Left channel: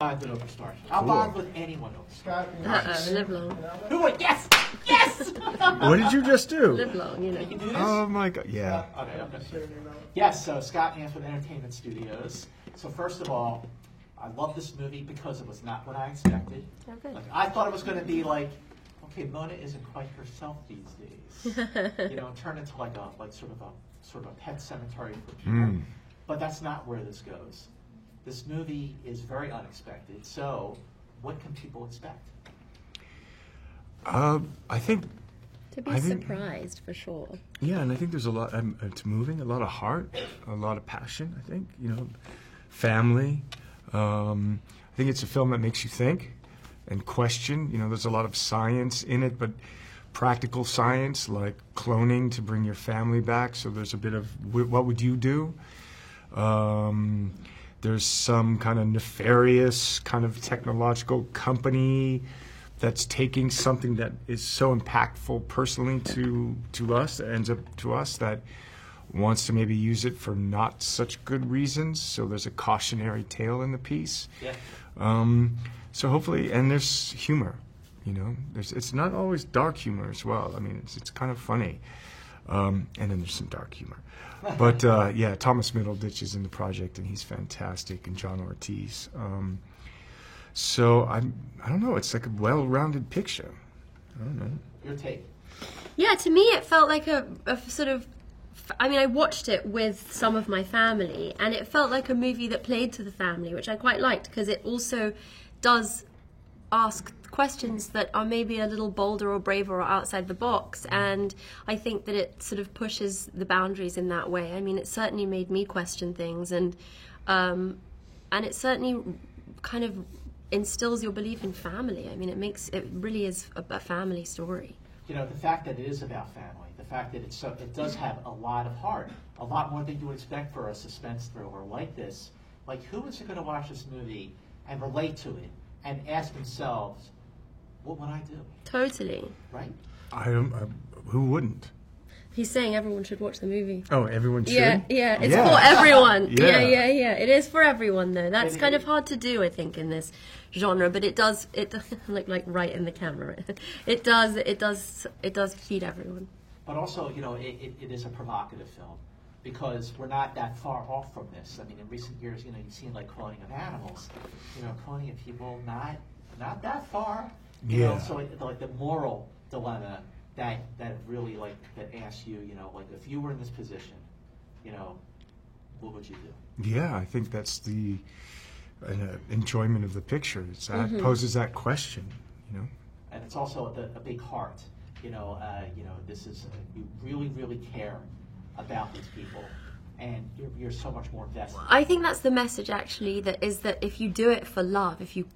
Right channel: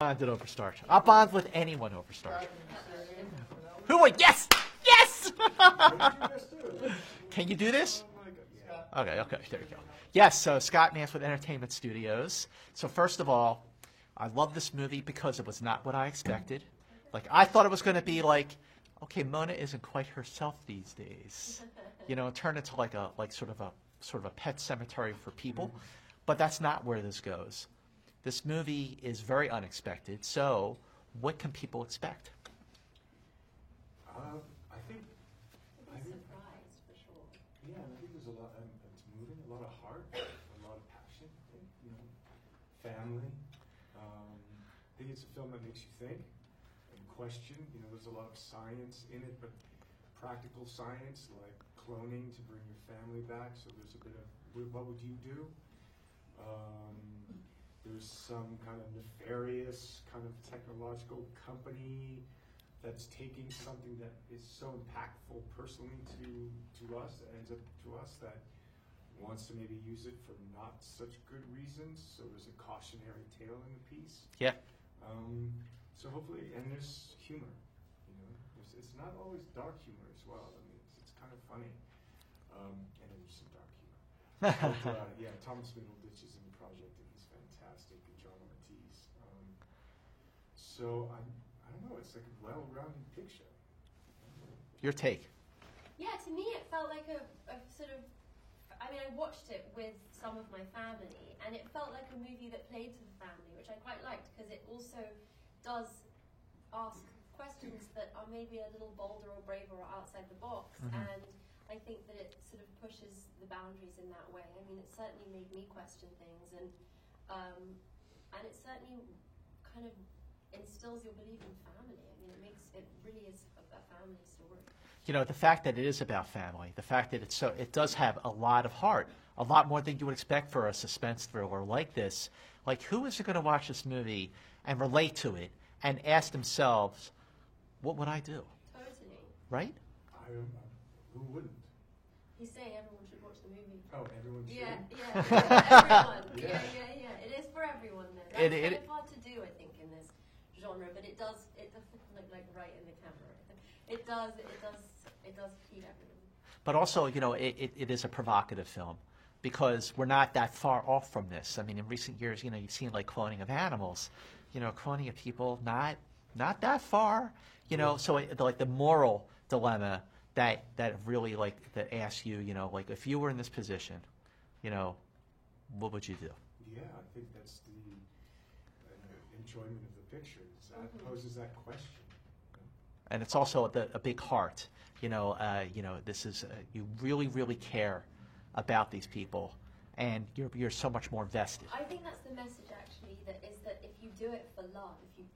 Bonded over Star Trek. I'll bond with anyone over Star Trek. Live long. Who would? Yes! Yes! What did you just do? Live long, you know. Can you do this? Oh my God! Yeah. Okay. Yes, Scott Mansfield Entertainment Studios. So first of all, I love this movie because it was not what I expected. Okay. Like, I thought it was going to be like, okay, Mona isn't quite herself these days. Turn into like sort of a pet cemetery for people. But that's not where this goes. This movie is very unexpected. So, what can people expect? I think. To be surprised, for sure. Yeah, and I think there's a lot. It's moving, a lot of heart, a lot of passion. I think family. I think it's a film that makes you think and question. There's a lot of science in it, but practical science like cloning to bring your family back. So there's a bit of what would you do? There's some kind of nefarious kind of technological company that's taking something that is so impactful personally to us, that ends up to us, that wants to maybe use it for not such good reasons. So there's a cautionary tale in the piece. Yeah. So hopefully, and there's humor. It's not always dark humor as well. I mean, it's kind of funny, and then there's some dark humor. But yeah, Thomas Middleditch is in the project, and he's fantastic, and John Ortiz. So I don't know. It's like a well-rounded picture. I don't know. Your take? Yeah, to me it felt like a sort of. I mean, I watched it with some of my family, and it felt like a movie that played to the family, which I quite liked because it also does ask questions that are maybe a little bolder or braver or outside the box, and I think that it sort of pushes the boundaries in that way. I mean, it certainly made me question things, and it certainly kind of instills your belief in family. I mean, it really is a family story. The fact that it is about family, the fact that it does have a lot of heart, a lot more than you would expect for a suspense thriller like this. Like, who is going to watch this movie and relate to it and ask themselves, what would I do? Totally. Right? Who wouldn't? He's saying everyone should watch the movie. Oh, everyone should? Yeah, it's for everyone. Yeah. Yeah. It is for everyone, though. That's kind of hard to do, I think, in this genre, but it does look like right in the camera. It does feed everyone. But also, it is a provocative film because we're not that far off from this. I mean, in recent years, you've seen like cloning of animals, cloning of people, not that far. So like the moral dilemma that really that asks you, like if you were in this position, what would you do? Yeah, I think that's the enjoyment of the picture. That poses that question, And it's also a big heart. This is you really care about these people, and you're so much more invested. I think that's the message, actually, that if you do it for love, if you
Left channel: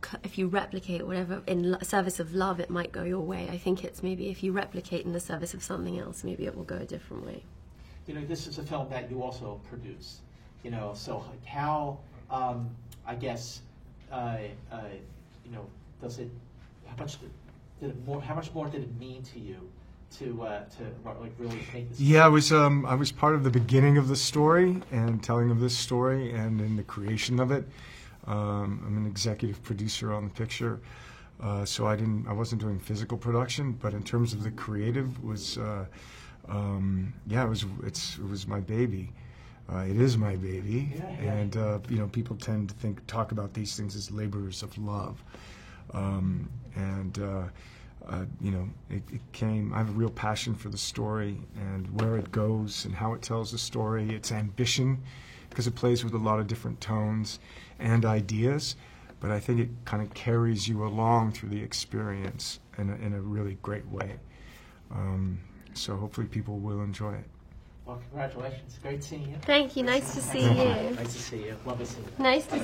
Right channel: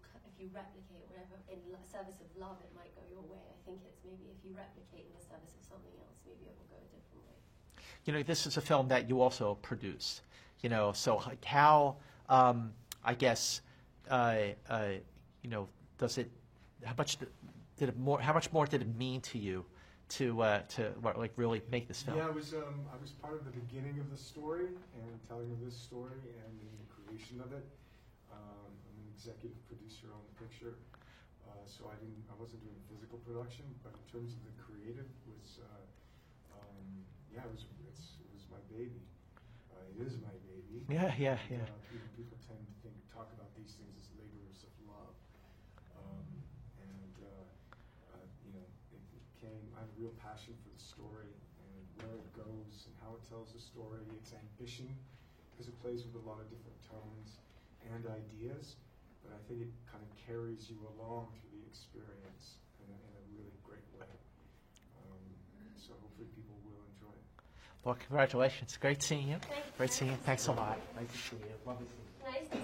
replicate whatever in service of love, it might go your way. I think it's maybe if you replicate in the service of something else, maybe it will go a different way. This is a film that you also produced. So like how I guess does it? How much more did it mean to you to like really make this? Yeah, I was part of the beginning of the story and telling of this story and in the creation of it. I'm an executive producer on the picture, so I wasn't doing physical production, but in terms of the creative it was my baby. It is my baby, and people tend to talk about these things as laborers of love, it came. I have a real passion for the story and where it goes and how it tells the story. Its ambition, because it plays with a lot of different tones and ideas, but I think it kind of carries you along through the experience in a really great way. So hopefully people will enjoy it. Well, congratulations. Great seeing you. Thank you. Nice to see you. Nice to see you. Love to see you. Nice to see you.